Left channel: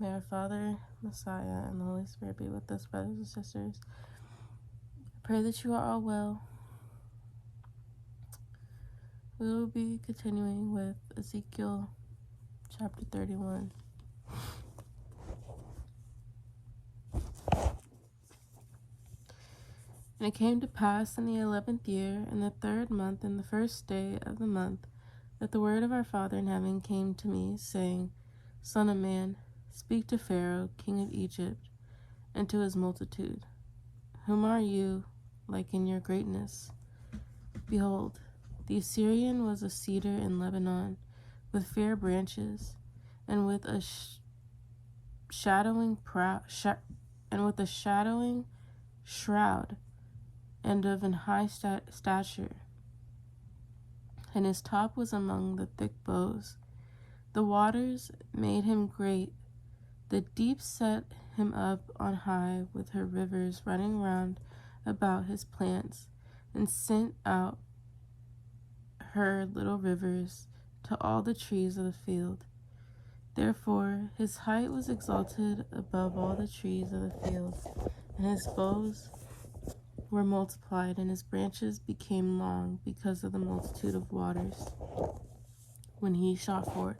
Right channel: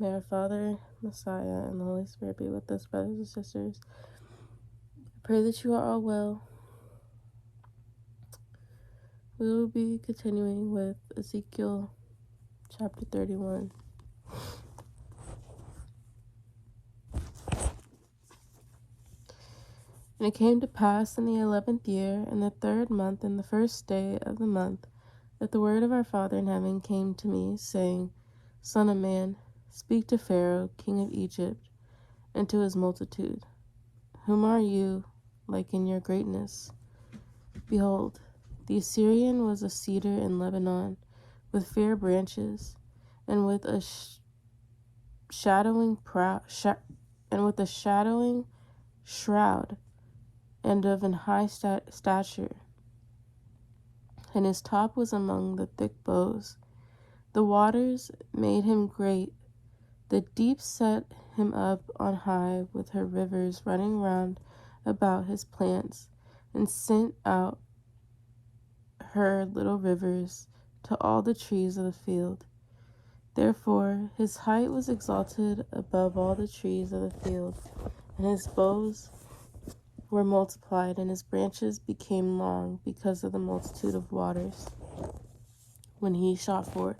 May our Father, Messiah, and the Holy Spirit be with us, brothers and sisters. I pray that you are all well. We will be continuing with Ezekiel chapter 31. And it came to pass in the 11th year, in the 3rd month, in the 1st day of the month, that the word of our Father in heaven came to me, saying, Son of man, speak to Pharaoh, king of Egypt, and to his multitude. Whom are you like in your greatness? Behold, the Assyrian was a cedar in Lebanon, with fair branches, and with a shadowing shroud, and of an high stature. And his top was among the thick boughs. The waters made him great. The deep set him up on high, with her rivers running round about his plants, and sent out her little rivers to all the trees of the field. Therefore his height was exalted above all the trees of the field, and his boughs were multiplied, and his branches became long because of the multitude of waters. When he shot forth,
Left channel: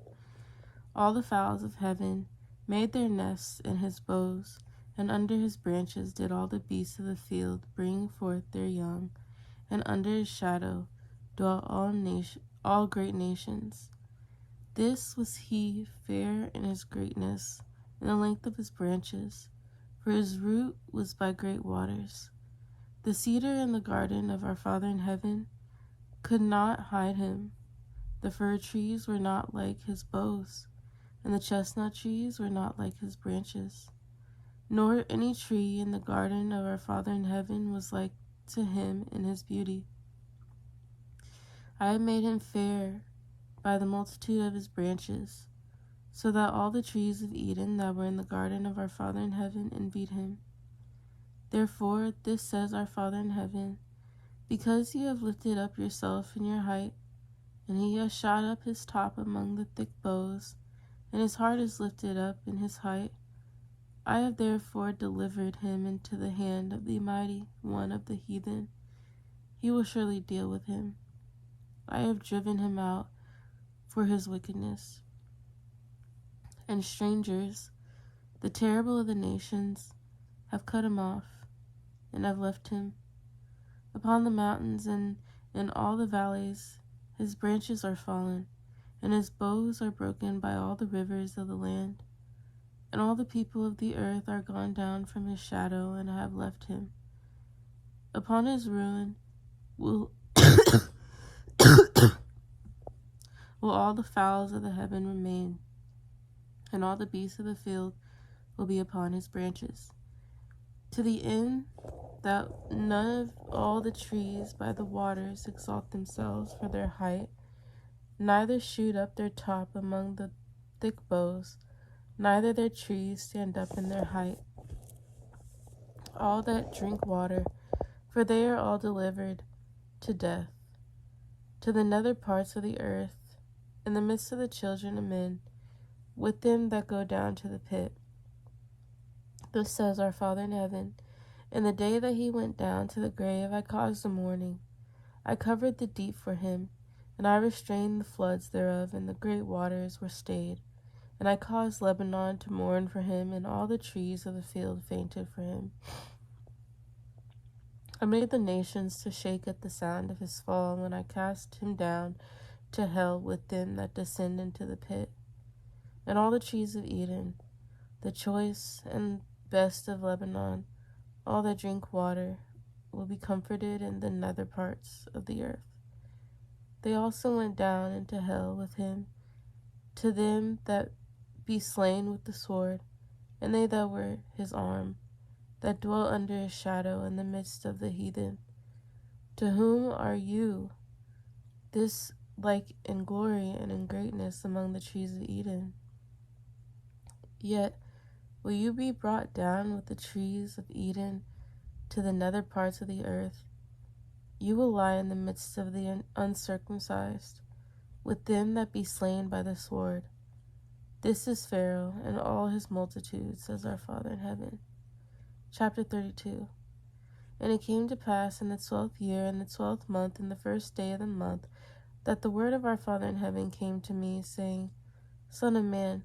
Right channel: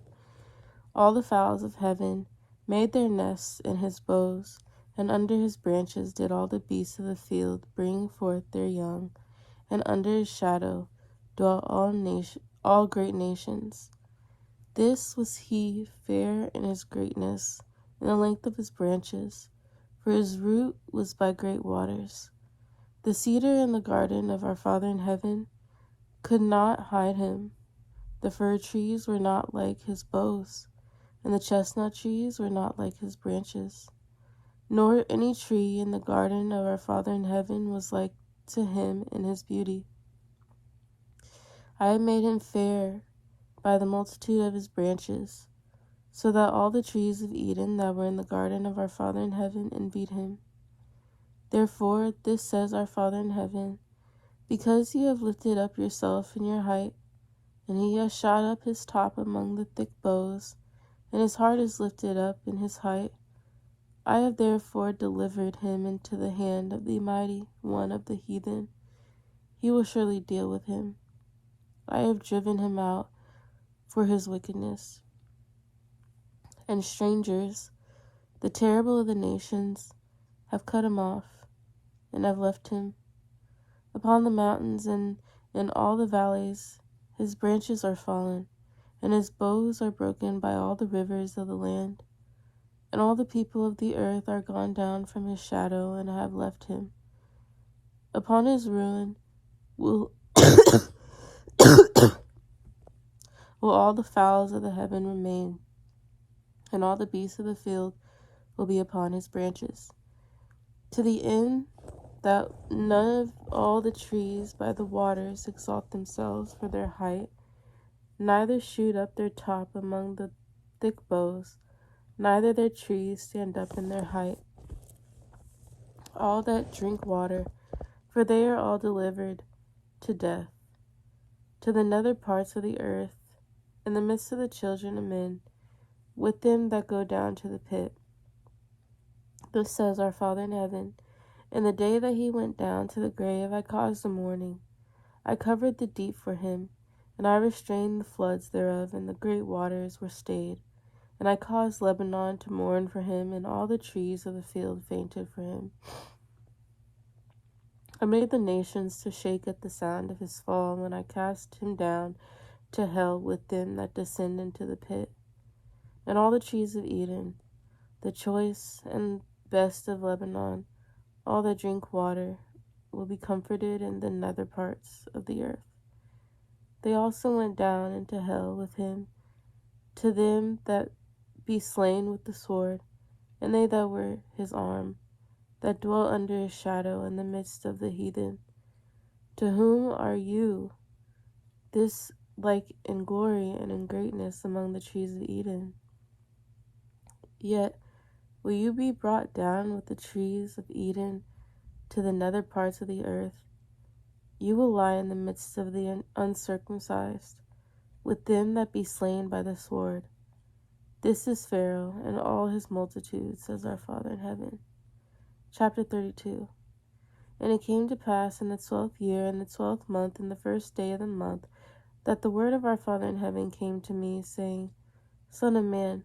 all the fowls of heaven made their nests in his boughs, and under his branches did all the beasts of the field bring forth their young, and under his shadow dwelt all great nations. This was he, fair in his greatness, in the length of his branches, for his root was by great waters. The cedar in the garden of our Father in heaven could not hide him. The fir trees were not like his boughs, and the chestnut trees were not like his branches. Nor any tree in the garden of our Father in heaven was like to him in his beauty. I have made him fair by the multitude of his branches, so that all the trees of Eden that were in the garden of our Father in heaven envied him. Therefore this says our Father in heaven, because you have lifted up yourself in your height, and he has shot up his top among the thick boughs, and his heart is lifted up in his height, I have therefore delivered him into the hand of the mighty one of the heathen. He will surely deal with him. I have driven him out for his wickedness. And strangers, the terrible of the nations, have cut him off, and have left him. Upon the mountains and in all the valleys his branches are fallen, and his boughs are broken by all the rivers of the land. And all the people of the earth are gone down from his shadow, and have left him. Upon his ruin will will all the fowls of the heaven remain, and all the beasts of the field will be upon his branches, to the end that none of all the trees by the waters exalt themselves for their height, neither shoot up their top among the thick boughs, neither their trees stand up in their height. All that drink water, for they are all delivered to death, to the nether parts of the earth, in the midst of the children of men, with them that go down to the pit. Thus says our Father in heaven, in the day that he went down to the grave I caused a mourning. I covered the deep for him, and I restrained the floods thereof, and the great waters were stayed. And I caused Lebanon to mourn for him, and all the trees of the field fainted for him. I made the nations to shake at the sound of his fall, when I cast him down to hell with them that descend into the pit. And all the trees of Eden, the choice and best of Lebanon, all that drink water, will be comforted in the nether parts of the earth. They also went down into hell with him, to them that be slain with the sword, and they that were his arm, that dwell under his shadow in the midst of the heathen. To whom are you this like in glory and in greatness among the trees of Eden? Yet will you be brought down with the trees of Eden to the nether parts of the earth. You will lie in the midst of the uncircumcised, with them that be slain by the sword. This is Pharaoh and all his multitude, says our Father in heaven. Chapter 32. And it came to pass in the 12th year, in the 12th month, in the first day of the month, that the word of our Father in heaven came to me, saying, Son of man,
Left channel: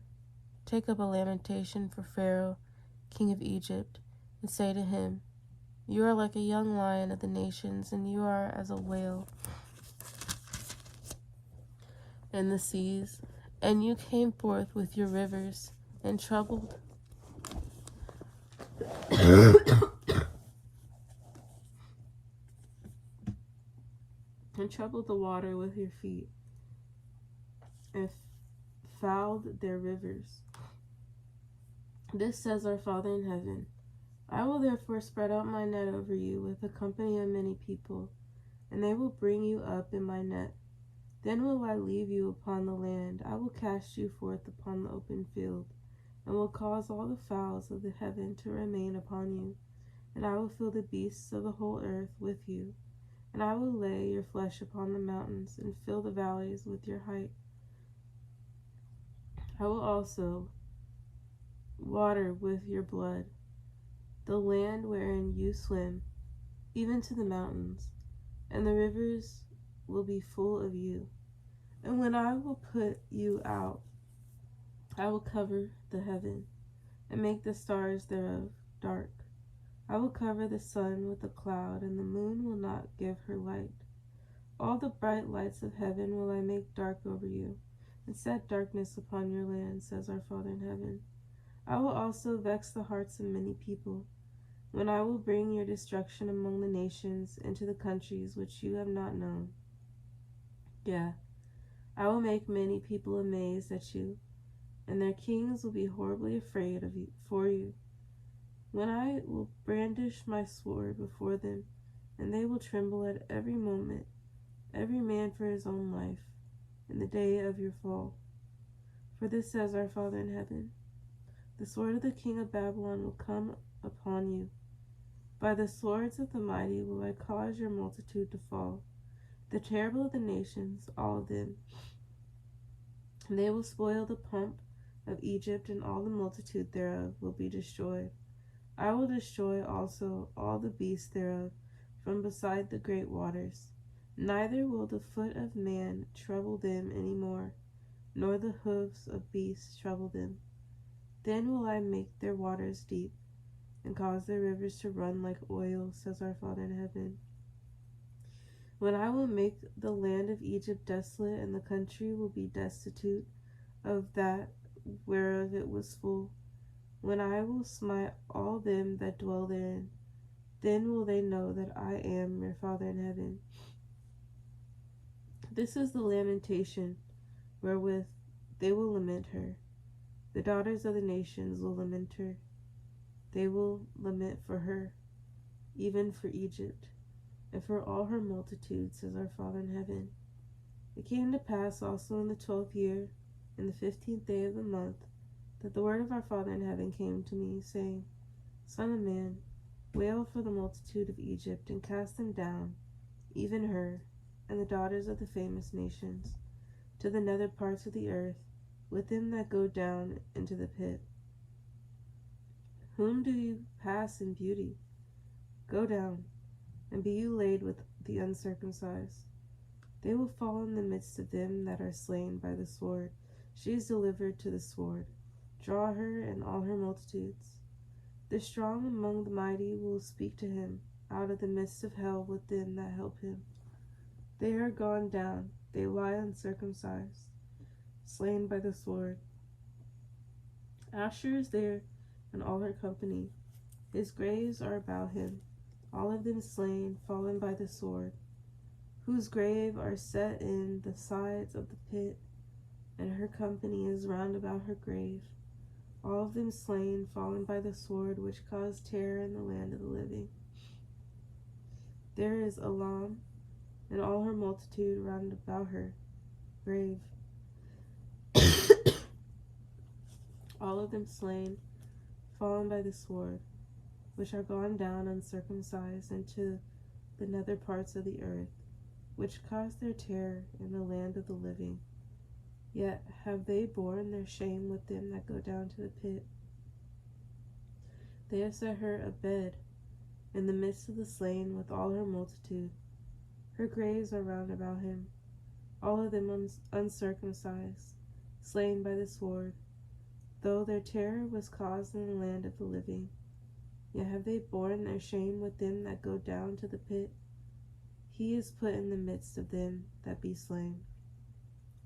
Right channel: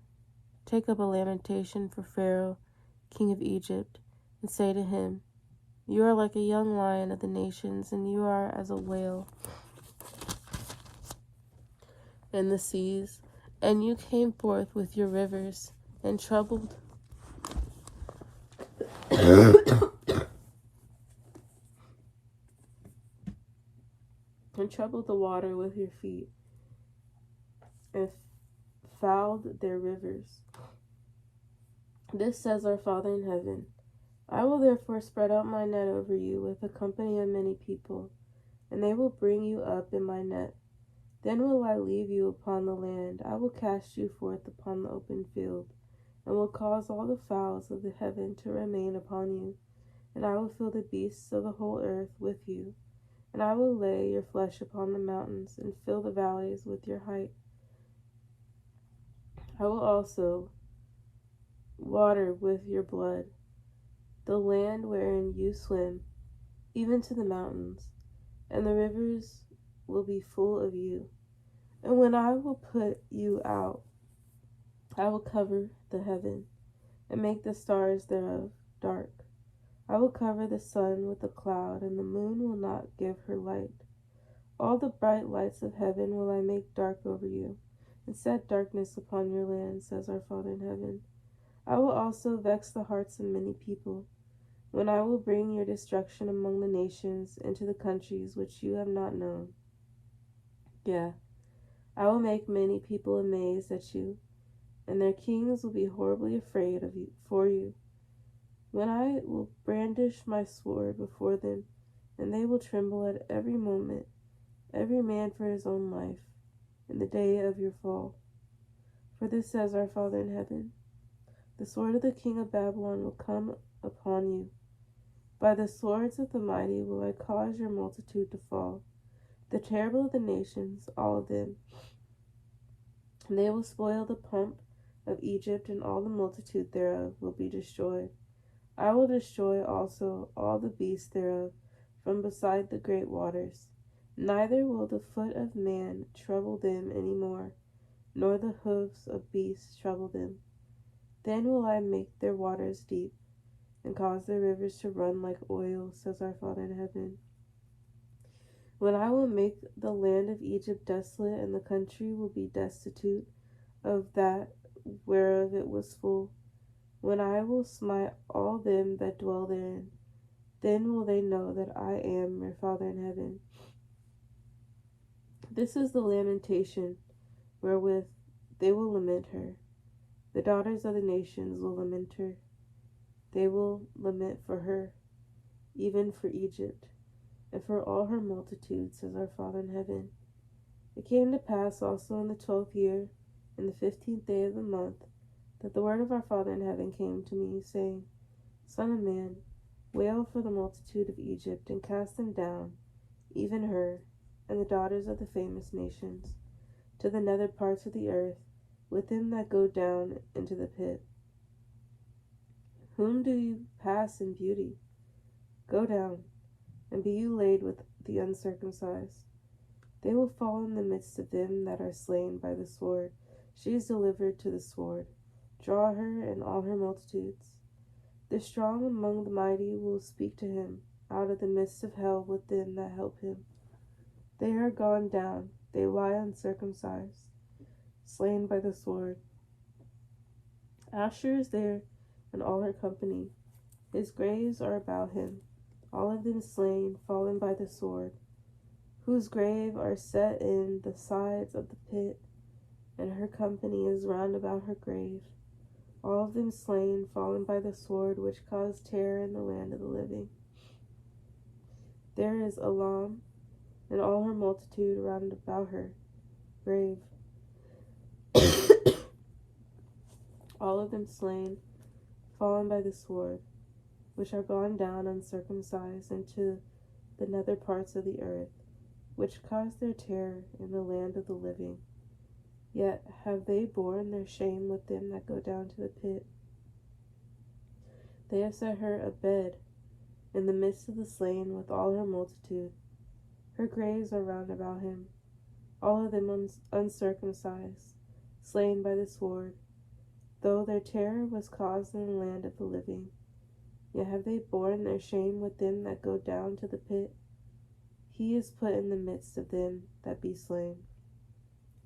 take up a lamentation for Pharaoh, king of Egypt, and say to him, You are like a young lion of the nations, and you are as a whale in the seas, and you came forth with your rivers, and troubled the water with your feet, and fouled their rivers. This says our Father in heaven, I will therefore spread out my net over you with a company of many people, and they will bring you up in my net. Then will I leave you upon the land, I will cast you forth upon the open field, and will cause all the fowls of the heaven to remain upon you, and I will fill the beasts of the whole earth with you, and I will lay your flesh upon the mountains, and fill the valleys with your height. I will also water with your blood the land wherein you swim, even to the mountains, and the rivers will be full of you. And when I will put you out, I will cover the heaven, and make the stars thereof dark. I will cover the sun with a cloud, and the moon will not give her light. All the bright lights of heaven will I make dark over you, and set darkness upon your land, says our Father in heaven. I will also vex the hearts of many people, when I will bring your destruction among the nations into the countries which you have not known. Yeah, I will make many people amazed at you, and their kings will be horribly afraid of you for you. When I will brandish my sword before them, and they will tremble at every moment, every man for his own life, in the day of your fall. For this says our Father in heaven, the sword of the king of Babylon will come upon you. By the swords of the mighty will I cause your multitude to fall, the terrible of the nations, all of them. And they will spoil the pomp of Egypt, and all the multitude thereof will be destroyed. I will destroy also all the beasts thereof from beside the great waters. Neither will the foot of man trouble them any more, nor the hoofs of beasts trouble them. Then will I make their waters deep, and cause their rivers to run like oil, says our Father in heaven. When I will make the land of Egypt desolate, and the country will be destitute of that whereof it was full, when I will smite all them that dwell therein, then will they know that I am your Father in heaven. This is the lamentation wherewith they will lament her. The daughters of the nations will lament her. They will lament for her, even for Egypt, and for all her multitude, says our Father in heaven. It came to pass also in the 12th year, in the 15th day of the month, that the word of our Father in heaven came to me, saying, Son of man, wail for the multitude of Egypt, and cast them down, even her, and the daughters of the famous nations, to the nether parts of the earth, with them that go down into the pit. Whom do you pass in beauty? Go down, and be you laid with the uncircumcised. They will fall in the midst of them that are slain by the sword. She is delivered to the sword. Draw her and all her multitudes. The strong among the mighty will speak to him out of the midst of hell with them that help him. They are gone down, they lie uncircumcised, slain by the sword. Asher is there, and all her company. His graves are about him, all of them slain, fallen by the sword, whose grave are set in the sides of the pit, and her company is round about her grave, all of them slain, fallen by the sword, which caused terror in the land of the living. There is Elam, and all her multitude round about her grave, all of them slain, fallen by the sword, which are gone down uncircumcised into the nether parts of the earth, which caused their terror in the land of the living. Yet have they borne their shame with them that go down to the pit. They have set her a bed in the midst of the slain with all her multitude. Her graves are round about him, all of them uncircumcised, slain by the sword. Though their terror was caused in the land of the living, yet have they borne their shame with them that go down to the pit. He is put in the midst of them that be slain.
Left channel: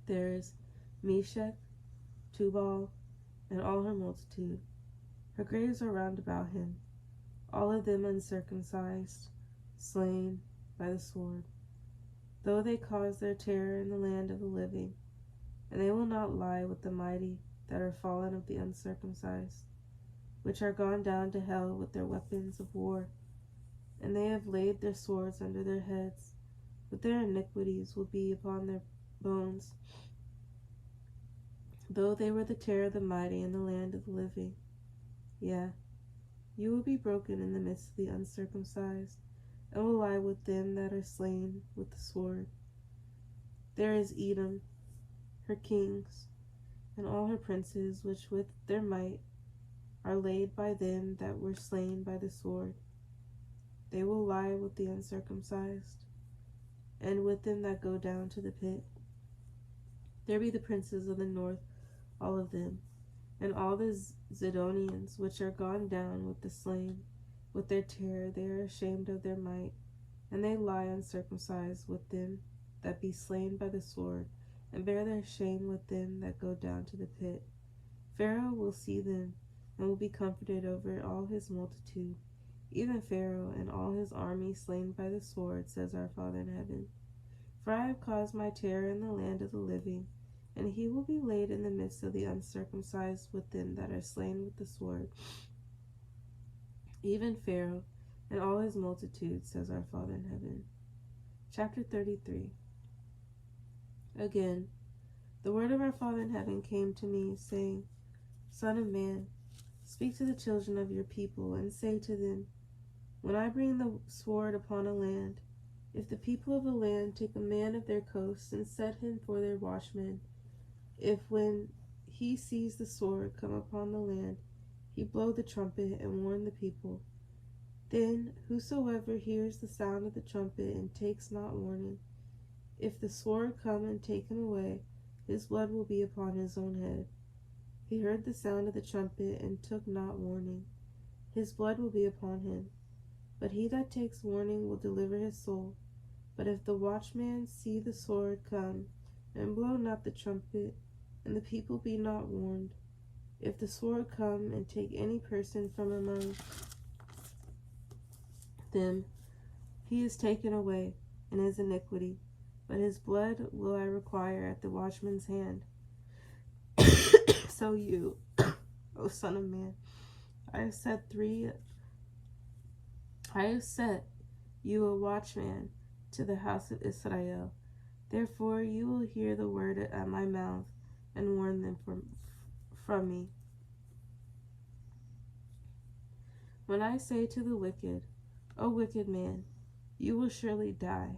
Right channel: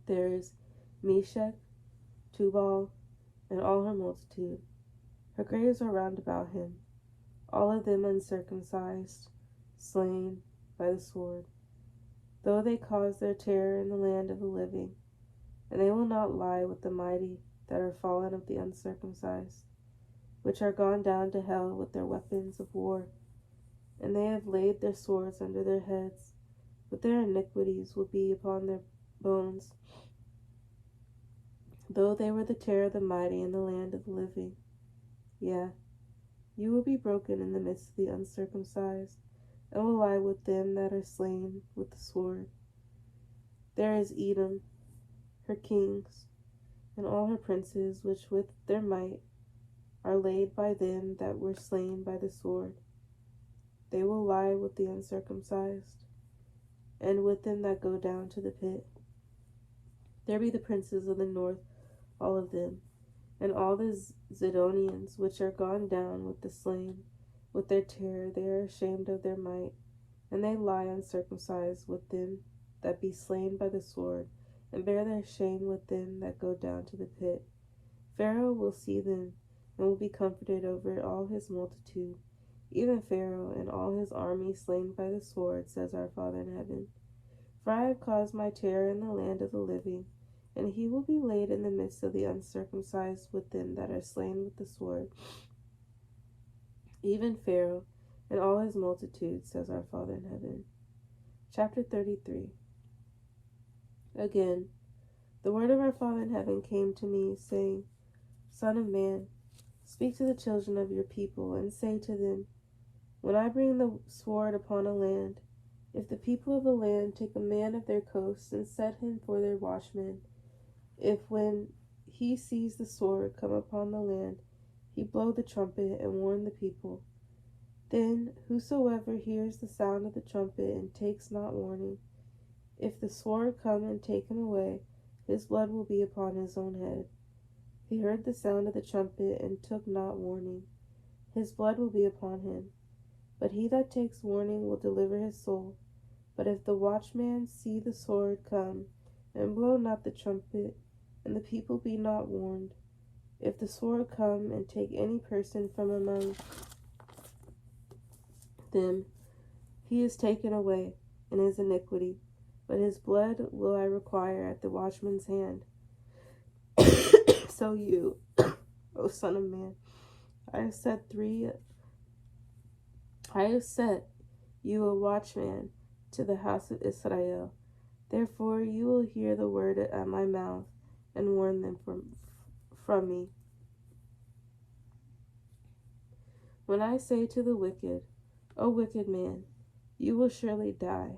There is Meshach, Tubal, and all her multitude. Her graves are round about him, all of them uncircumcised, slain by the sword. Though they cause their terror in the land of the living, and they will not lie with the mighty that are fallen of the uncircumcised, which are gone down to hell with their weapons of war, and they have laid their swords under their heads, but their iniquities will be upon their bones. Though they were the terror of the mighty in the land of the living, yeah, you will be broken in the midst of the uncircumcised, and will lie with them that are slain with the sword. There is Edom, her kings, and all her princes, which with their might are laid by them that were slain by the sword. They will lie with the uncircumcised, and with them that go down to the pit. There be the princes of the north, all of them, and all the Zidonians, which are gone down with the slain. With their terror they are ashamed of their might, and they lie uncircumcised with them that be slain by the sword, and bear their shame with them that go down to the pit. Pharaoh will see them, and will be comforted over all his multitude, even Pharaoh and all his army slain by the sword, says our Father in heaven. For I have caused my terror in the land of the living, and he will be laid in the midst of the uncircumcised with them that are slain with the sword, even Pharaoh and all his multitude, says our Father in heaven. Chapter 33. Again, the word of our Father in heaven came to me, saying, Son of man, speak to the children of your people, and say to them, when I bring the sword upon a land, if the people of the land take a man of their coast and set him for their watchman, if when he sees the sword come upon the land, he blow the trumpet and warn the people, then whosoever hears the sound of the trumpet and takes not warning, if the sword come and take him away, his blood will be upon his own head. He heard the sound of the trumpet and took not warning, his blood will be upon him. But he that takes warning will deliver his soul. But if the watchman see the sword come, and blow not the trumpet, and the people be not warned, if the sword come and take any person from among them, he is taken away in his iniquity, but his blood will I require at the watchman's hand. So you, O son of man, I have set you a watchman to the house of Israel. Therefore you will hear the word at my mouth, and warn them from me. When I say to the wicked, O wicked man, you will surely die,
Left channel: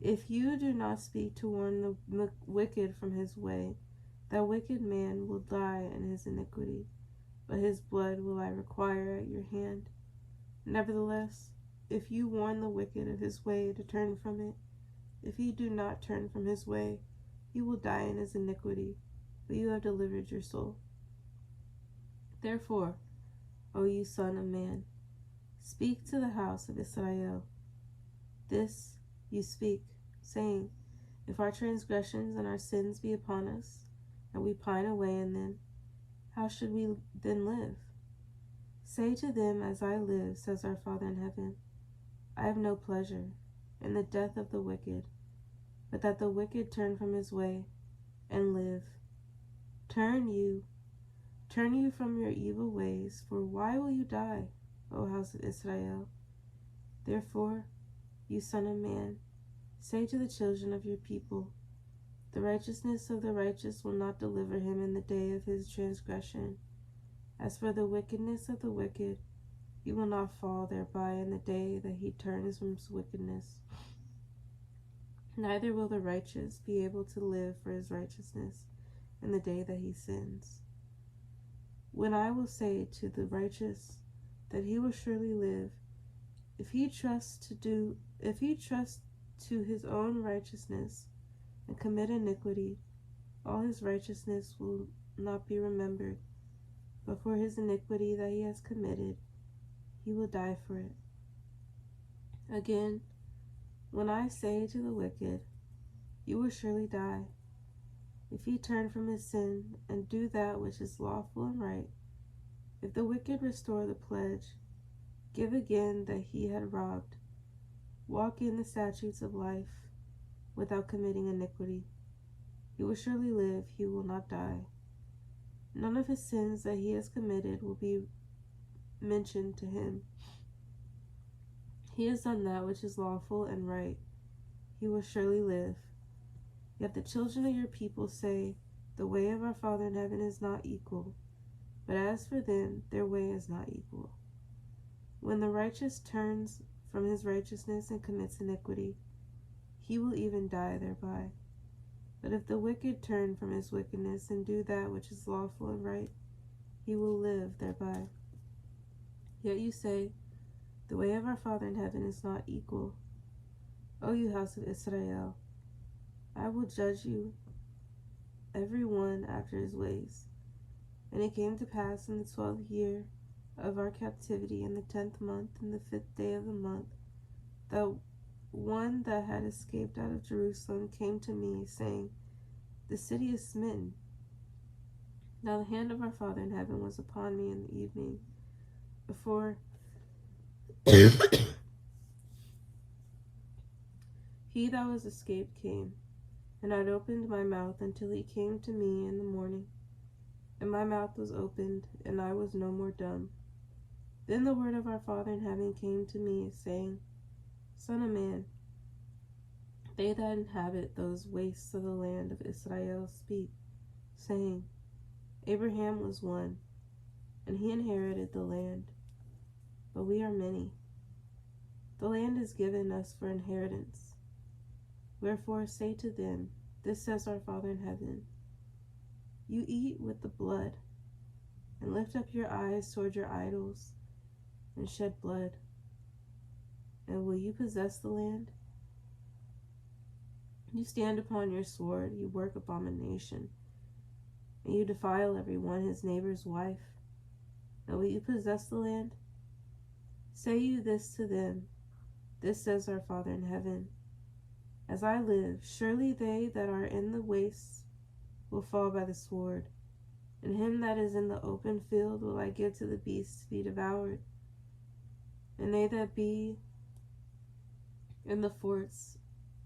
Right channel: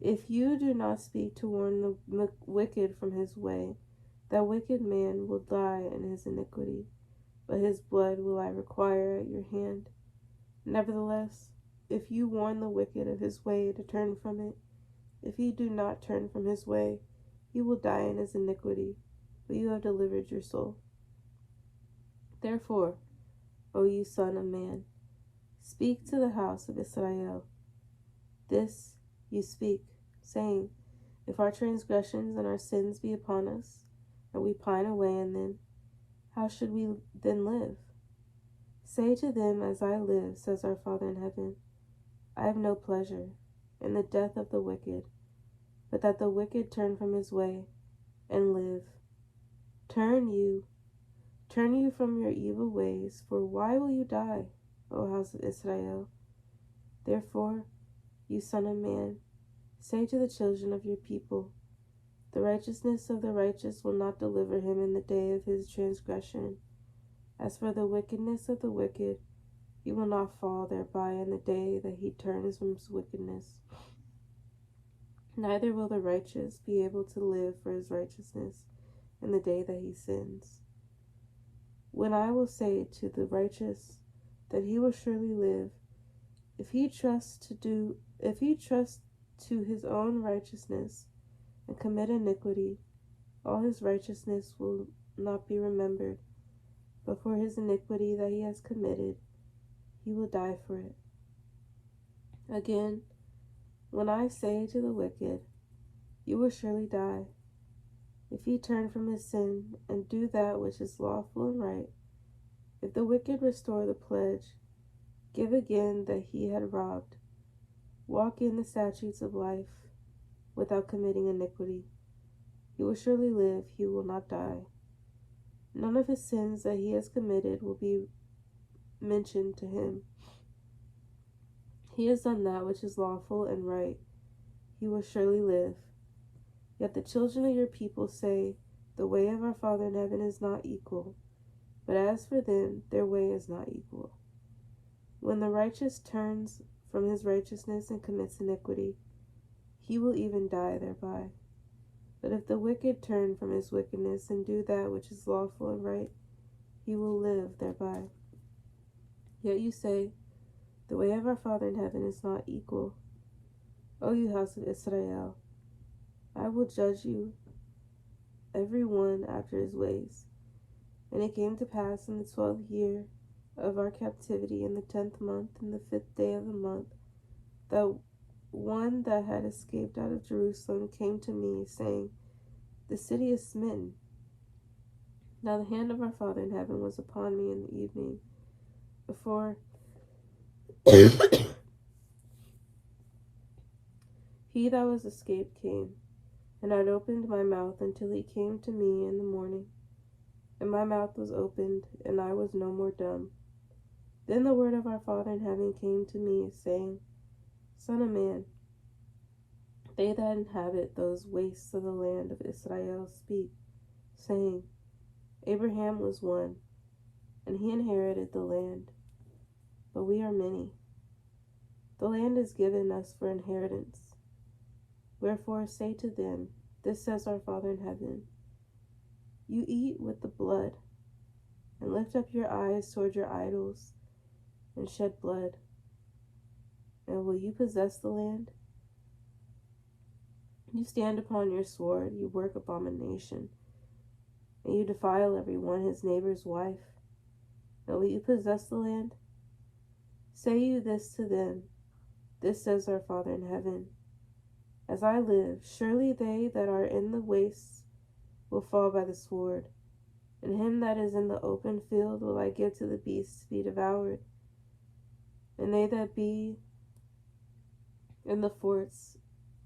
if you do not speak to warn the wicked from his way, that wicked man will die in his iniquity, but his blood will I require at your hand. Nevertheless, if you warn the wicked of his way to turn from it, if he do not turn from his way, he will die in his iniquity, but you have delivered your soul. Therefore, O you son of man, speak to the house of Israel. This you speak, saying, if our transgressions and our sins be upon us, and we pine away in them, how should we then live? Say to them, as I live, says our Father in heaven, I have no pleasure in the death of the wicked, but that the wicked turn from his way and live. Turn you from your evil ways, for why will you die, O house of Israel? Therefore, you son of man, say to the children of your people, the righteousness of the righteous will not deliver him in the day of his transgression. As for the wickedness of the wicked, he will not fall thereby in the day that he turns from his wickedness. Neither will the righteous be able to live for his righteousness. in the day that he sins. When I will say to the righteous that he will surely live, if he trusts to his own righteousness and commit iniquity, all his righteousness will not be remembered, but for his iniquity that he has committed, he will die for it. Again, when I say to the wicked, you will surely die, if he turn from his sin and do that which is lawful and right, if the wicked restore the pledge, give again that he had robbed, walk in the statutes of life without committing iniquity, he will surely live, he will not die. None of his sins that he has committed will be mentioned to him. He has done that which is lawful and right, he will surely live. Yet the children of your people say, the way of our Father in heaven is not equal, but as for them, their way is not equal. When the righteous turns from his righteousness and commits iniquity, he will even die thereby. But if the wicked turn from his wickedness and do that which is lawful and right, he will live thereby. Yet you say, the way of our Father in heaven is not equal. O you house of Israel, I will judge you, every one after his ways. And it came to pass in the 12th year of our captivity, in the 10th month, in the 5th day of the month, that one that had escaped out of Jerusalem came to me, saying, the city is smitten. Now the hand of our Father in heaven was upon me in the evening, before he that was escaped came, and I had opened my mouth until he came to me in the morning. And my mouth was opened, and I was no more dumb. Then the word of our Father in heaven came to me, saying, Son of man, they that inhabit those wastes of the land of Israel speak, saying, Abraham was one, and he inherited the land, but we are many. The land is given us for inheritance. Wherefore say to them, this says our Father in heaven, you eat with the blood, and lift up your eyes toward your idols, and shed blood. And will you possess the land? You stand upon your sword, you work abomination, and you defile every one his neighbor's wife. And will you possess the land? Say you this to them, this says our Father in heaven, as I live, surely they that are in the wastes will fall by the sword, and him that is in the open field will I give to the beasts to be devoured, and they that be in the forts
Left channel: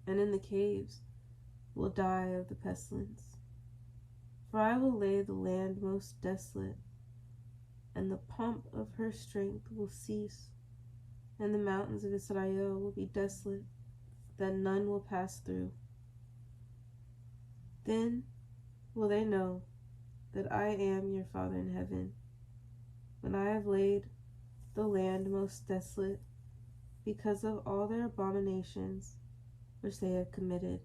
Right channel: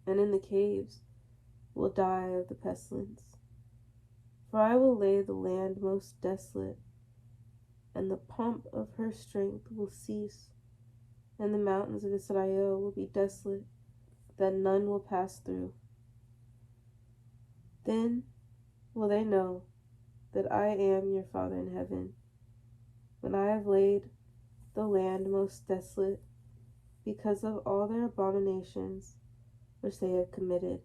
and in the caves will die of the pestilence. For I will lay the land most desolate, and the pomp of her strength will cease, and the mountains of Israel will be desolate, that none will pass through. Then will they know that I am your Father in heaven, when I have laid the land most desolate, because of all their abominations which they have committed.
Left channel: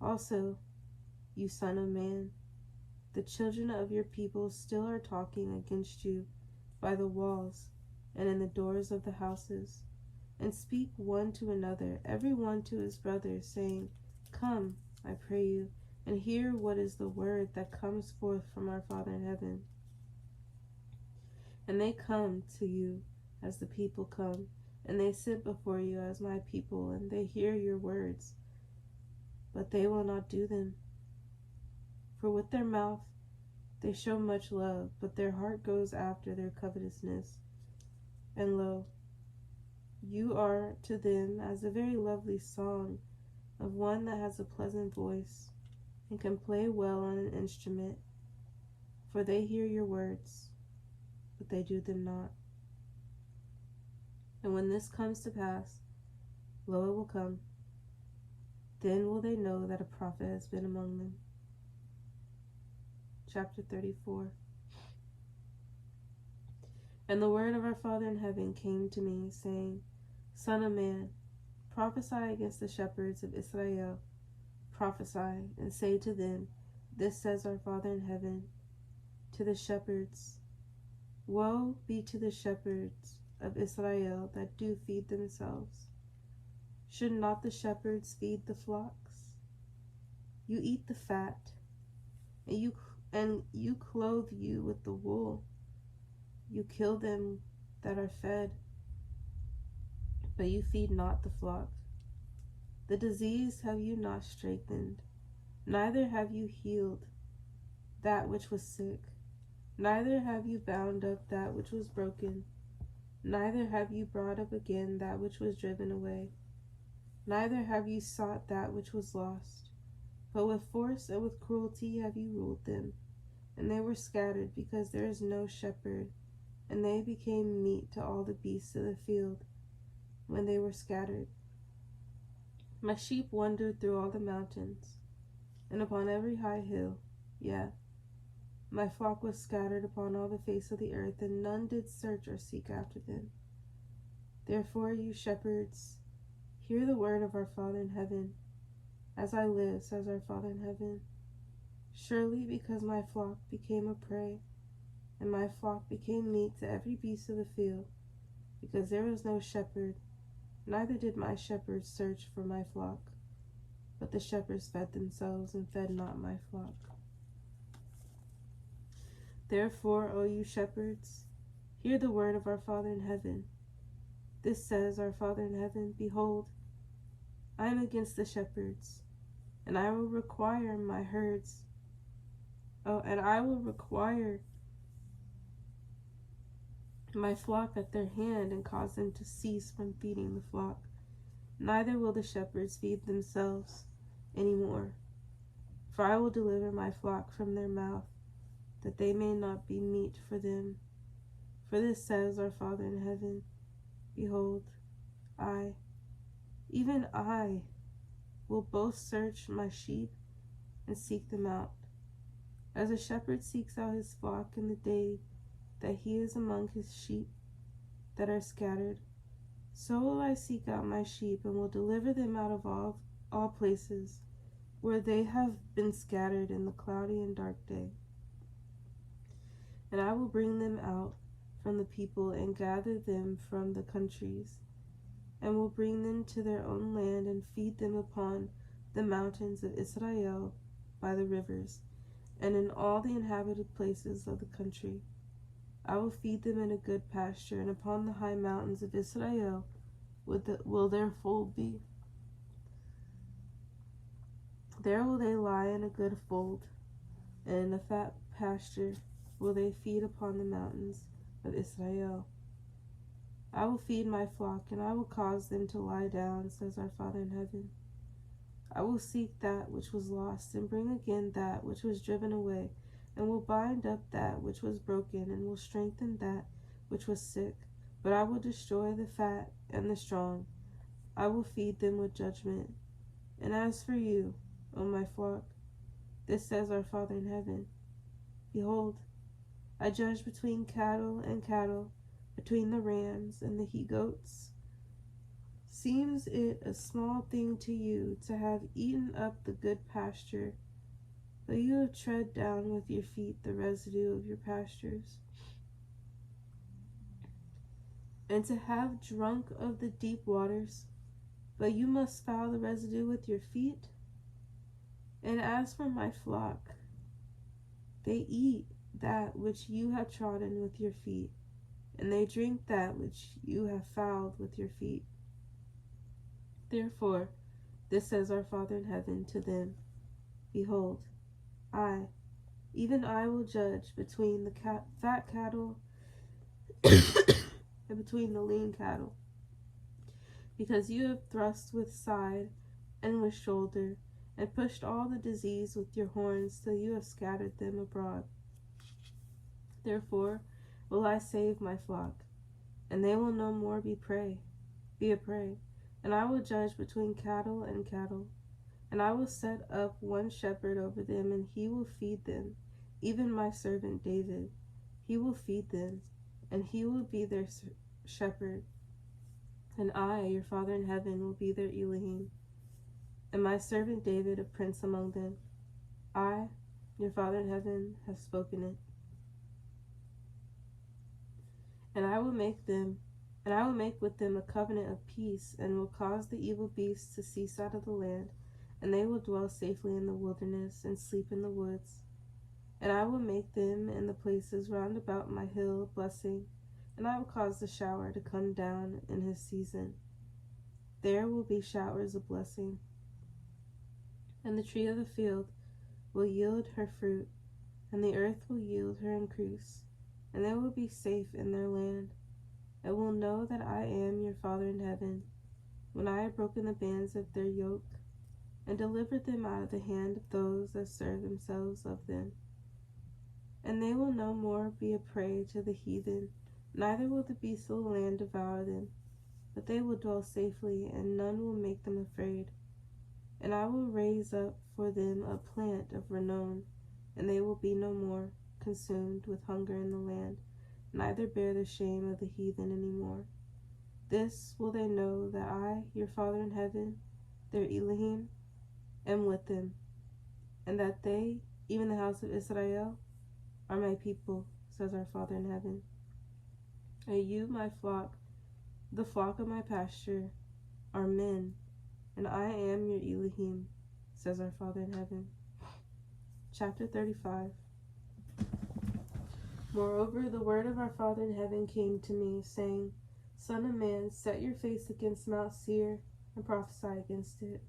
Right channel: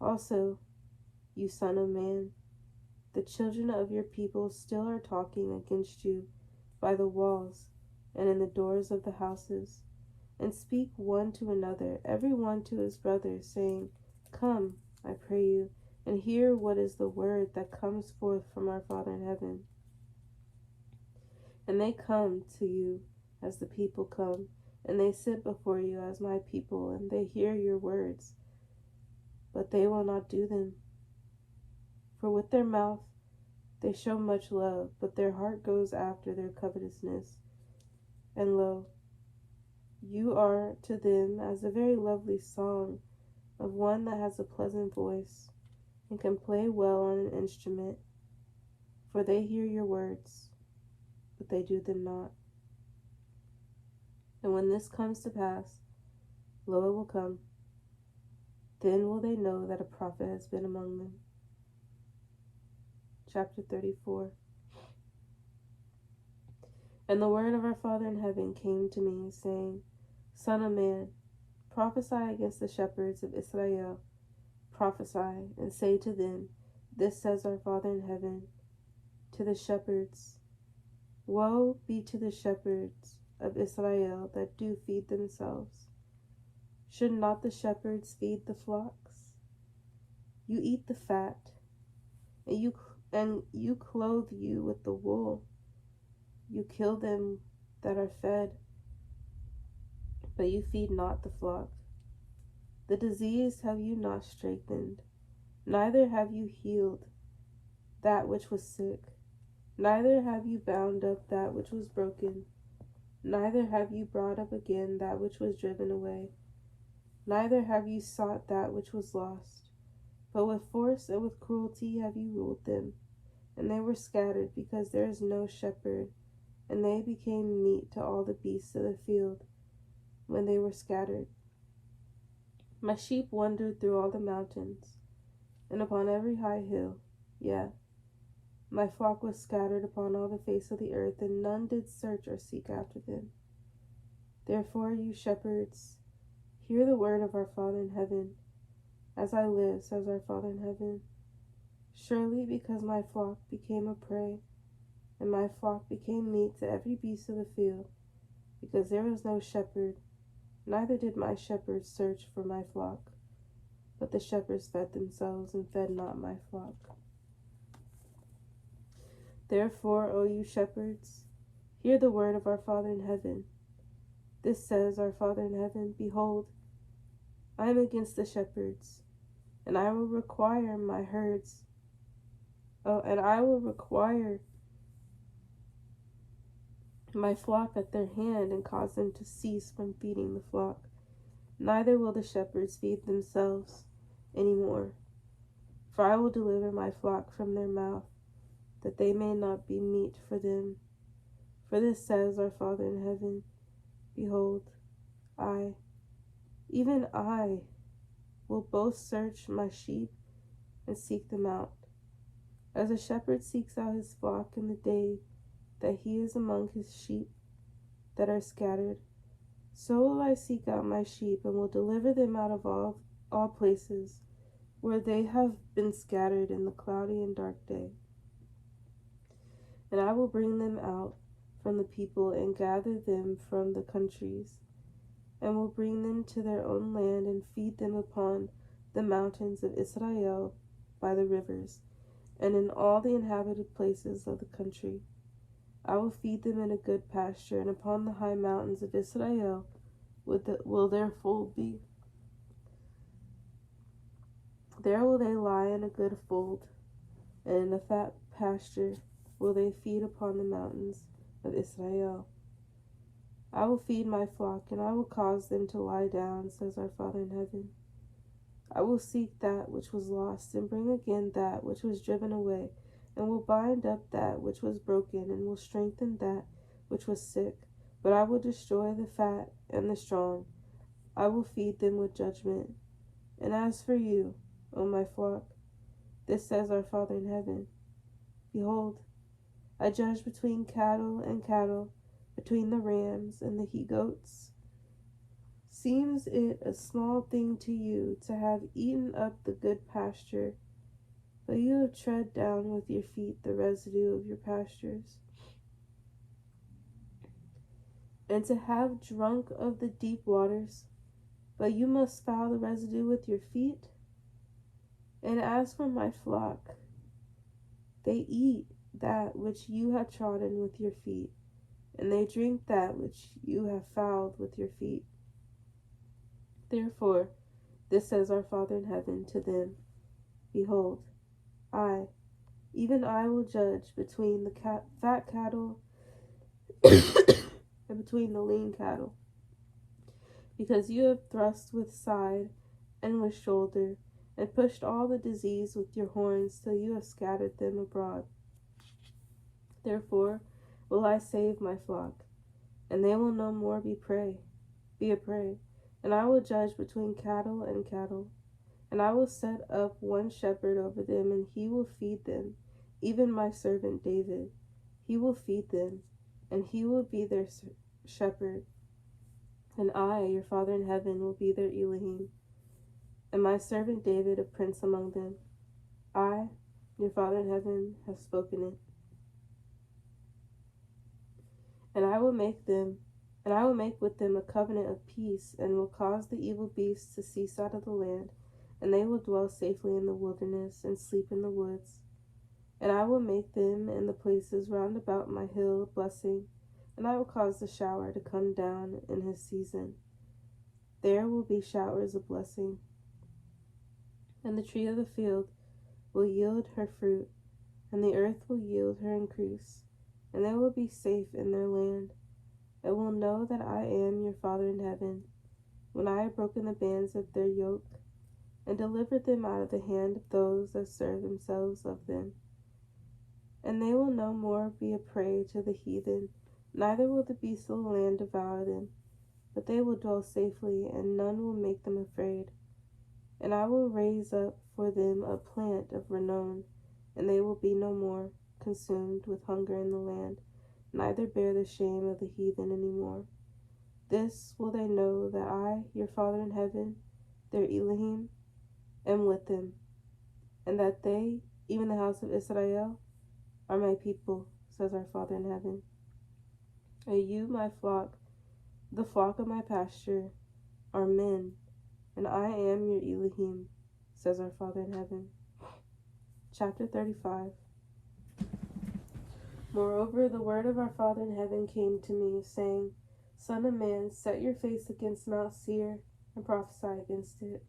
Also, you son of man, the children of your people still are talking against you by the walls and in the doors of the houses, and speak one to another, every one to his brother, saying, Come, I pray you, and hear what is the word that comes forth from our Father in heaven. And they come to you as the people come, and they sit before you as my people, and they hear your words, but they will not do them. For with their mouth they show much love, but their heart goes after their covetousness. And lo, you are to them as a very lovely song of one that has a pleasant voice and can play well on an instrument, for they hear your words, but they do them not. And when this comes to pass, lo, it will come, then will they know that a prophet has been among them. Chapter 34. And the word of our Father in heaven came to me, saying, Son of man, prophesy against the shepherds of Israel. Prophesy, and say to them, This says our Father in heaven to the shepherds. Woe be to the shepherds of Israel that do feed themselves. Should not the shepherds feed the flocks? You eat the fat, and you clothe you with the wool. You kill them that are fed, but you feed not the flock. The disease have you not strengthened, neither have you healed that which was sick, neither have you bound up that which was broken, neither have you brought up again that which was driven away, neither have you sought that which was lost, but with force and with cruelty have you ruled them, and they were scattered because there is no shepherd, and they became meat to all the beasts of the field when they were scattered. My sheep wandered through all the mountains, and upon every high hill. Yea, my flock was scattered upon all the face of the earth, and none did search or seek after them. Therefore, you shepherds, hear the word of our Father in heaven. As I live, says our Father in heaven, surely because my flock became a prey, and my flock became meat to every beast of the field, because there was no shepherd, neither did my shepherds search for my flock, but the shepherds fed themselves and fed not my flock. Therefore, O you shepherds, hear the word of our Father in heaven. This says our Father in heaven, behold, I am against the shepherds, and I will require my herds. And I will require my flock at their hand, and cause them to cease from feeding the flock. Neither will the shepherds feed themselves any more. For I will deliver my flock from their mouth, that they may not be meat for them. For this says our Father in heaven, behold, I, even I, will both search my sheep and seek them out. As a shepherd seeks out his flock in the day that he is among his sheep that are scattered, so will I seek out my sheep, and will deliver them out of all places where they have been scattered in the cloudy and dark day. And I will bring them out from the people, and gather them from the countries, and will bring them to their own land, and feed them upon the mountains of Israel by the rivers, and in all the inhabited places of the country. I will feed them in a good pasture, and upon the high mountains of Israel will their fold be. There will they lie in a good fold, and in a fat pasture will they feed upon the mountains of Israel. I will feed my flock, and I will cause them to lie down, says our Father in heaven. I will seek that which was lost, and bring again that which was driven away, and will bind up that which was broken, and will strengthen that which was sick. But I will destroy the fat and the strong. I will feed them with judgment. And as for you, O my flock, this says our Father in heaven, behold, I judge between cattle and cattle, between the rams and the he-goats. Seems it a small thing to you to have eaten up the good pasture, but you have tread down with your feet the residue of your pastures, and to have drunk of the deep waters, but you must foul the residue with your feet? And as for my flock, they eat that which you have trodden with your feet, and they drink that which you have fouled with your feet. Therefore, this says our Father in heaven to them, behold, I, even I, will judge between the fat cattle and between the lean cattle, because you have thrust with side and with shoulder, and pushed all the disease with your horns, till you have scattered them abroad. Therefore will I save my flock, and they will no more be a prey. And I will judge between cattle and cattle, and I will set up one shepherd over them, and he will feed them, even my servant David. He will feed them, and he will be their shepherd. And I, your Father in heaven, will be their Elohim, and my servant David a prince among them. I Your Father in heaven has spoken it. And I will make with them a covenant of peace, and will cause the evil beasts to cease out of the land, and they will dwell safely in the wilderness, and sleep in the woods. And I will make them in the places round about my hill a blessing, and I will cause the shower to come down in his season. There will be showers of blessing. And the tree of the field will yield her fruit, and the earth will yield her increase, and they will be safe in their land, and will know that I am your Father in heaven, when I have broken the bands of their yoke, and delivered them out of the hand of those that serve themselves of them. And they will no more be a prey to the heathen, neither will the beasts of the land devour them, but they will dwell safely, and none will make them afraid. And I will raise up for them a plant of renown, and they will be no more consumed with hunger in the land, neither bear the shame of the heathen any more. This will they know, that I, your Father in heaven, their Elohim, am with them, and that they, even the house of Israel, are my people, says our Father in heaven. And you, my flock, the flock of my pasture, are men, and I am your Elohim, says our Father in heaven. Chapter 35. Moreover, the word of our Father in heaven came to me, saying, Son of man, set your face against Mount Seir, and prophesy against it,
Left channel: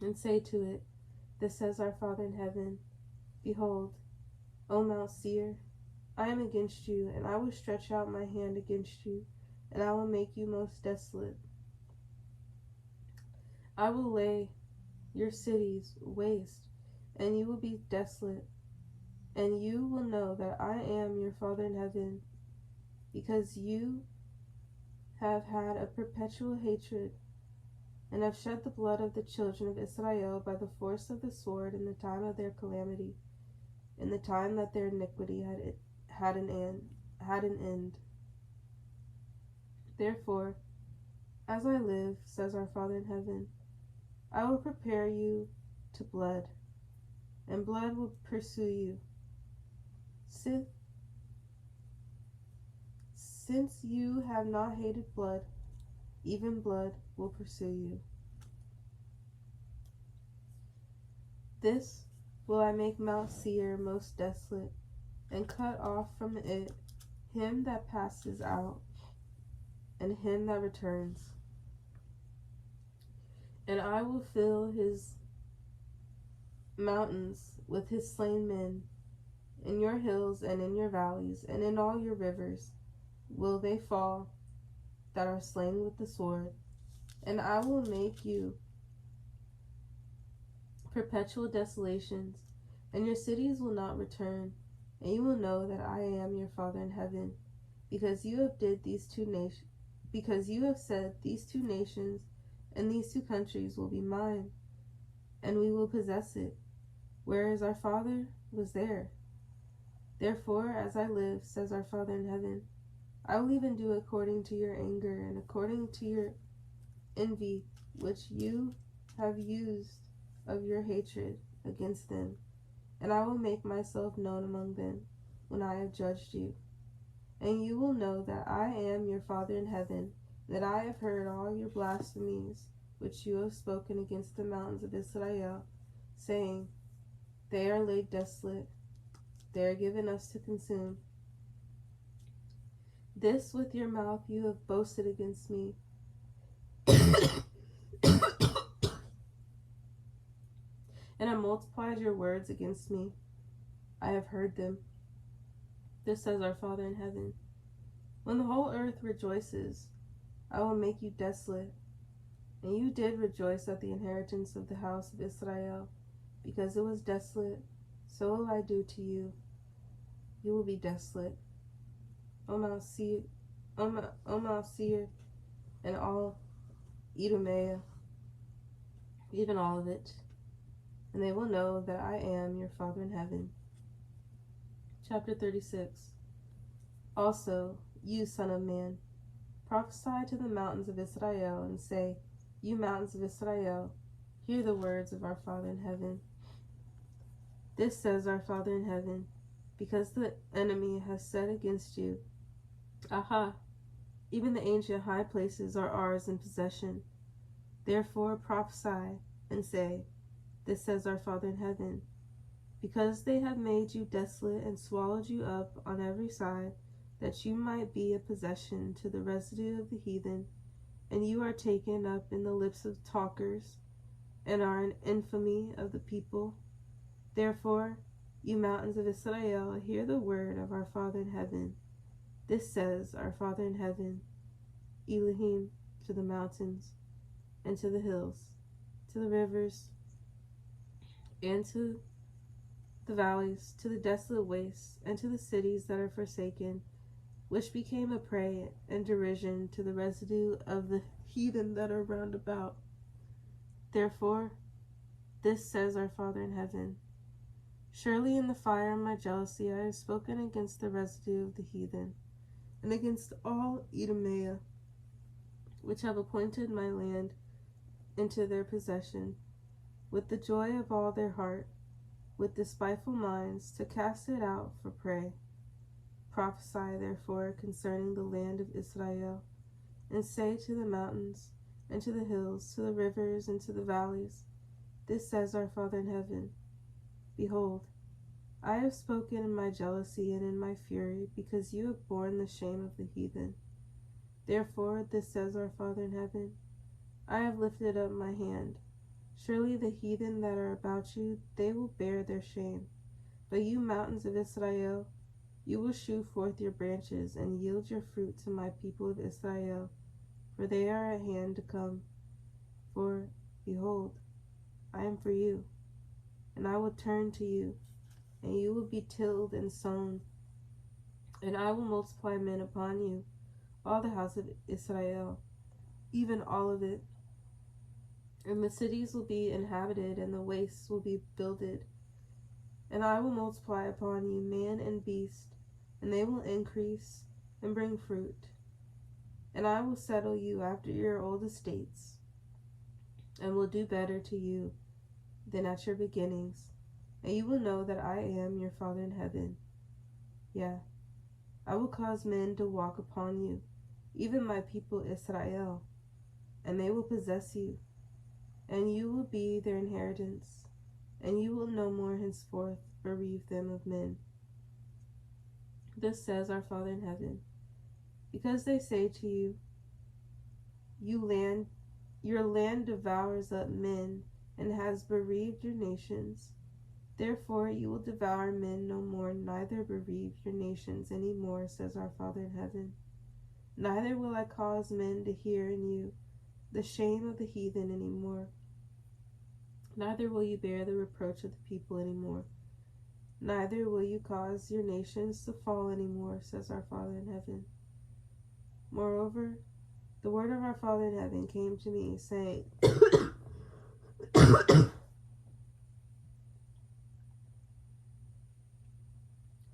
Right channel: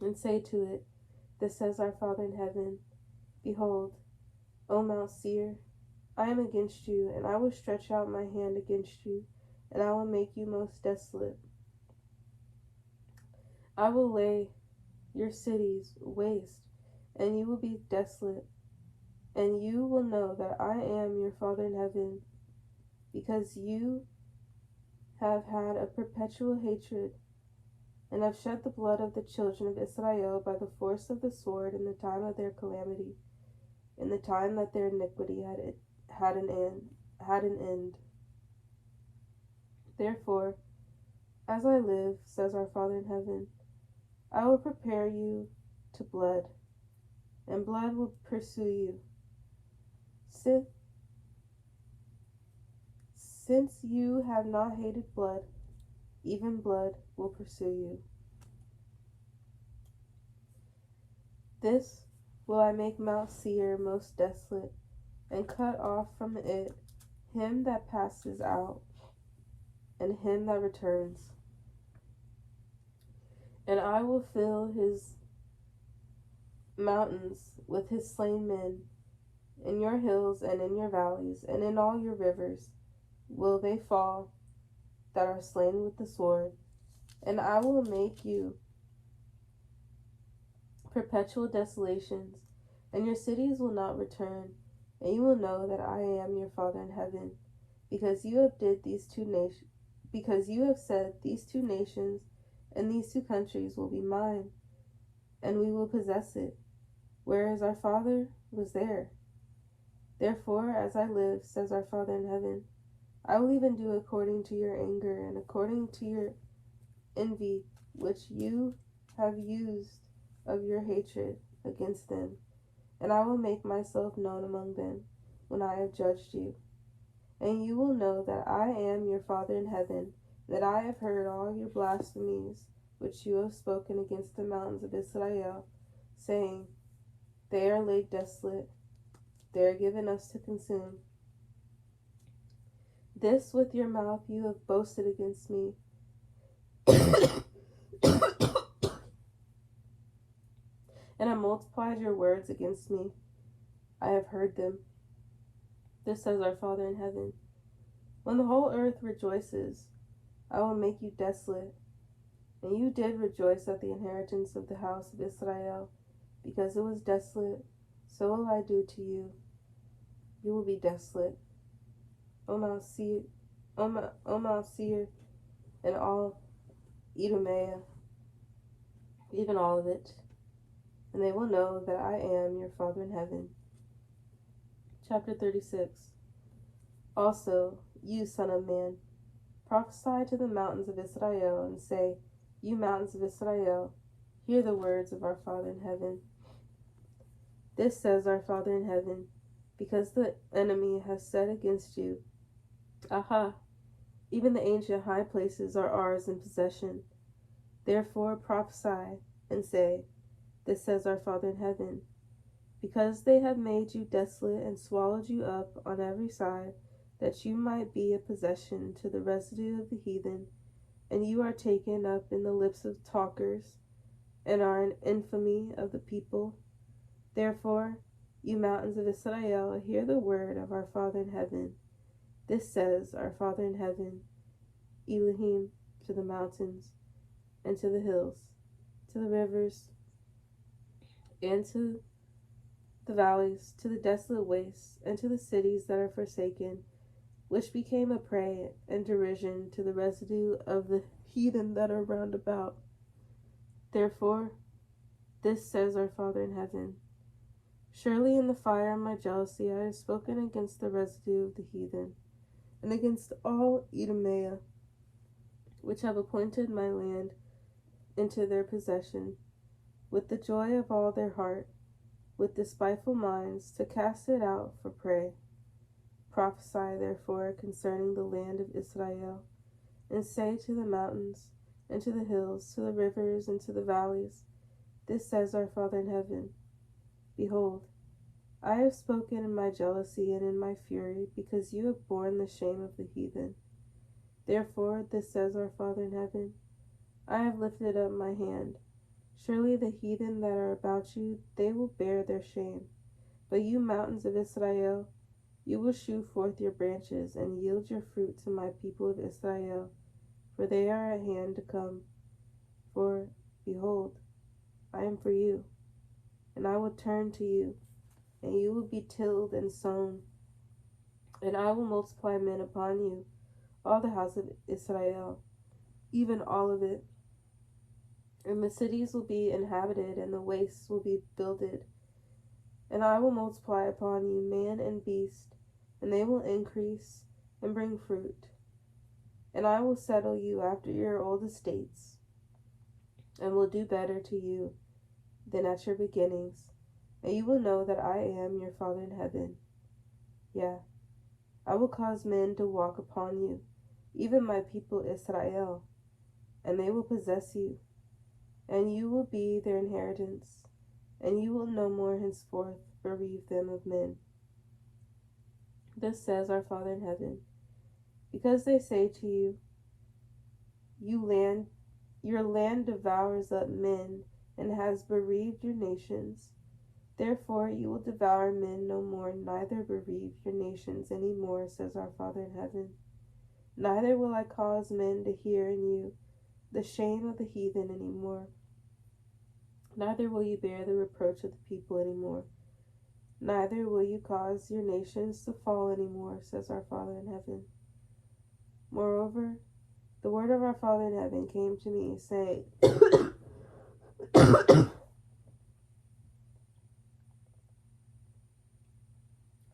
and say to it, Thus says our Father in heaven, Behold, O Mount Seir, I am against you, and I will stretch out my hand against you, and I will make you most desolate. I will lay your cities waste, and you will be desolate, and you will know that I am your Father in heaven, because you have had a perpetual hatred, and have shed the blood of the children of Israel by the force of the sword in the time of their calamity, in the time that their iniquity had an end. Therefore, as I live, says our Father in heaven, I will prepare you to blood, and blood will pursue you. Since you have not hated blood, even blood will pursue you. This will I make Mount Seir most desolate, and cut off from it him that passes out, and him that returns. And I will fill his mountains with his slain men. In your hills and in your valleys and in all your rivers will they fall that are slain with the sword. And I will make you perpetual desolations, and your cities will not return. And you will know that I am your Father in heaven, because you have said, these two nations and these two countries will be mine, and we will possess it, whereas our father was there. Therefore, as I live, says our Father in heaven, I will even do according to your anger and according to your envy, which you have used of your hatred against them, and I will make myself known among them when I have judged you. And you will know that I am your Father in heaven, that I have heard all your blasphemies which you have spoken against the mountains of Israel, saying, They are laid desolate, they are given us to consume. This with your mouth you have boasted against me. And have multiplied your words against me. I have heard them. This says our Father in heaven. When the whole earth rejoices, I will make you desolate. And you did rejoice at the inheritance of the house of Israel, because it was desolate, so will I do to you. You will be desolate, O Mount Seir, and all Edomia, even all of it, and they will know that I am your Father in heaven. Chapter 36. Also, you, son of man, prophesy to the mountains of Israel, and say, You mountains of Israel, hear the words of our Father in heaven. This says our Father in heaven, because the enemy has said against you, Aha! Even the ancient high places are ours in possession. Therefore prophesy and say, This says our Father in heaven, because they have made you desolate and swallowed you up on every side, that you might be a possession to the residue of the heathen, and you are taken up in the lips of talkers, and are an infamy of the people. Therefore, you mountains of Israel, hear the word of our Father in heaven. This says our Father in heaven, Elohim, to the mountains, and to the hills, to the rivers, and to the valleys, to the desolate wastes, and to the cities that are forsaken, which became a prey and derision to the residue of the heathen that are round about. Therefore, this says our Father in heaven, Surely in the fire of my jealousy I have spoken against the residue of the heathen, and against all Edomia, which have appointed my land into their possession, with the joy of all their heart, with despiteful minds, to cast it out for prey. Prophesy therefore concerning the land of Israel, and say to the mountains, and to the hills, to the rivers, and to the valleys, This says our Father in heaven, Behold, I have spoken in my jealousy and in my fury, because you have borne the shame of the heathen. Therefore, this says our Father in heaven, I have lifted up my hand. Surely the heathen that are about you, they will bear their shame. But you mountains of Israel, you will shew forth your branches, and yield your fruit to my people of Israel, for they are at hand to come. For, behold, I am for you, and I will turn to you, and you will be tilled and sown, and I will multiply men upon you, all the house of Israel, even all of it. And the cities will be inhabited, and the wastes will be builded. And I will multiply upon you man and beast, and they will increase and bring fruit. And I will settle you after your old estates, and will do better to you than at your beginnings. And you will know that I am your Father in heaven. Yeah, I will cause men to walk upon you, even my people Israel, and they will possess you, and you will be their inheritance, and you will no more henceforth bereave them of men. This says our Father in heaven, because they say to you, your land devours up men, and has bereaved your nations. Therefore you will devour men no more, neither bereave your nations any more, says our Father in heaven. Neither will I cause men to hear in you the shame of the heathen any more. Neither will you bear the reproach of the people any more. Neither will you cause your nations to fall any more, says our Father in heaven. Moreover, the word of our Father in heaven came to me, saying,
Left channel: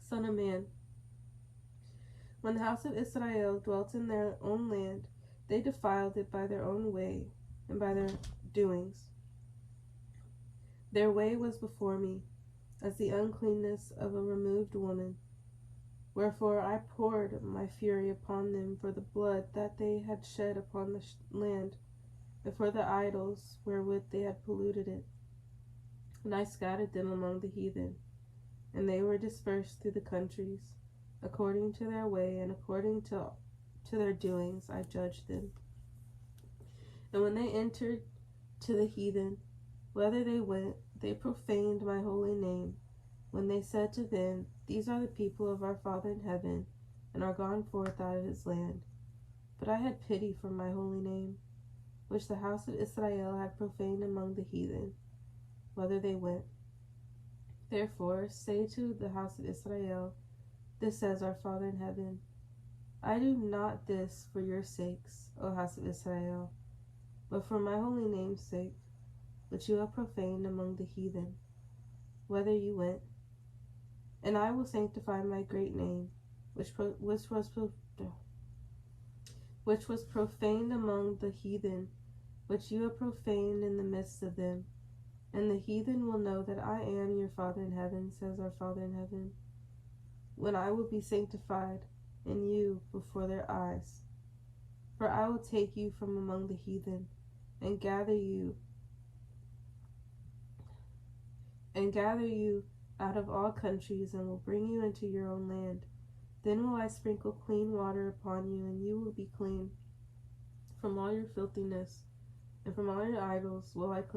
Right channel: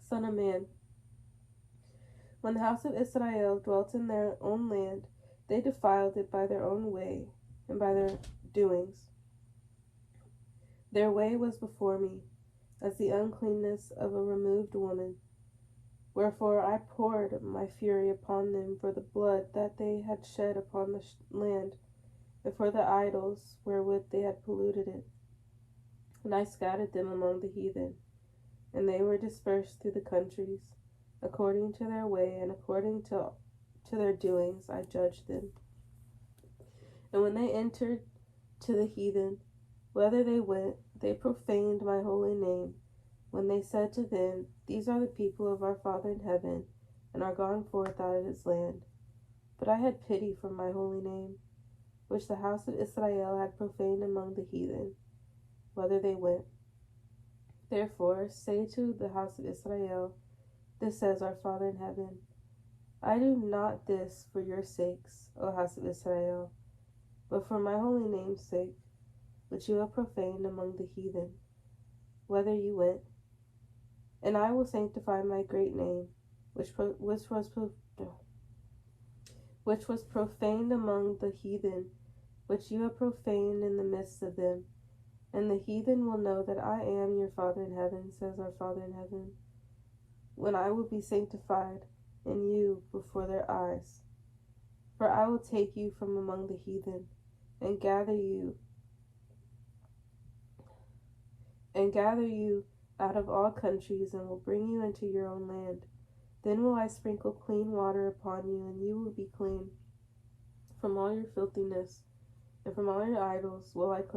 Son of man, when the house of Israel dwelt in their own land, they defiled it by their own way and by their doings. Their way was before me, as the uncleanness of a removed woman. Wherefore I poured my fury upon them for the blood that they had shed upon the land, and for the idols wherewith they had polluted it. And I scattered them among the heathen, and they were dispersed through the countries. According to their way and according to their doings I judged them. And when they entered to the heathen, whither they went, they profaned my holy name, when they said to them, These are the people of our Father in heaven, and are gone forth out of his land. But I had pity for my holy name, which the house of Israel had profaned among the heathen, whither they went. Therefore say to the house of Israel, This says our Father in heaven, I do not this for your sakes, O house of Israel, but for my holy name's sake, which you have profaned among the heathen, whither you went. And I will sanctify my great name, which was profaned among the heathen, which you have profaned in the midst of them. And the heathen will know that I am your Father in heaven, says our Father in heaven, when I will be sanctified in you before their eyes. For I will take you from among the heathen and gather you out of all countries, and will bring you into your own land. Then will I sprinkle clean water upon you, and you will be clean. From all your filthiness and from all your idols will I cleanse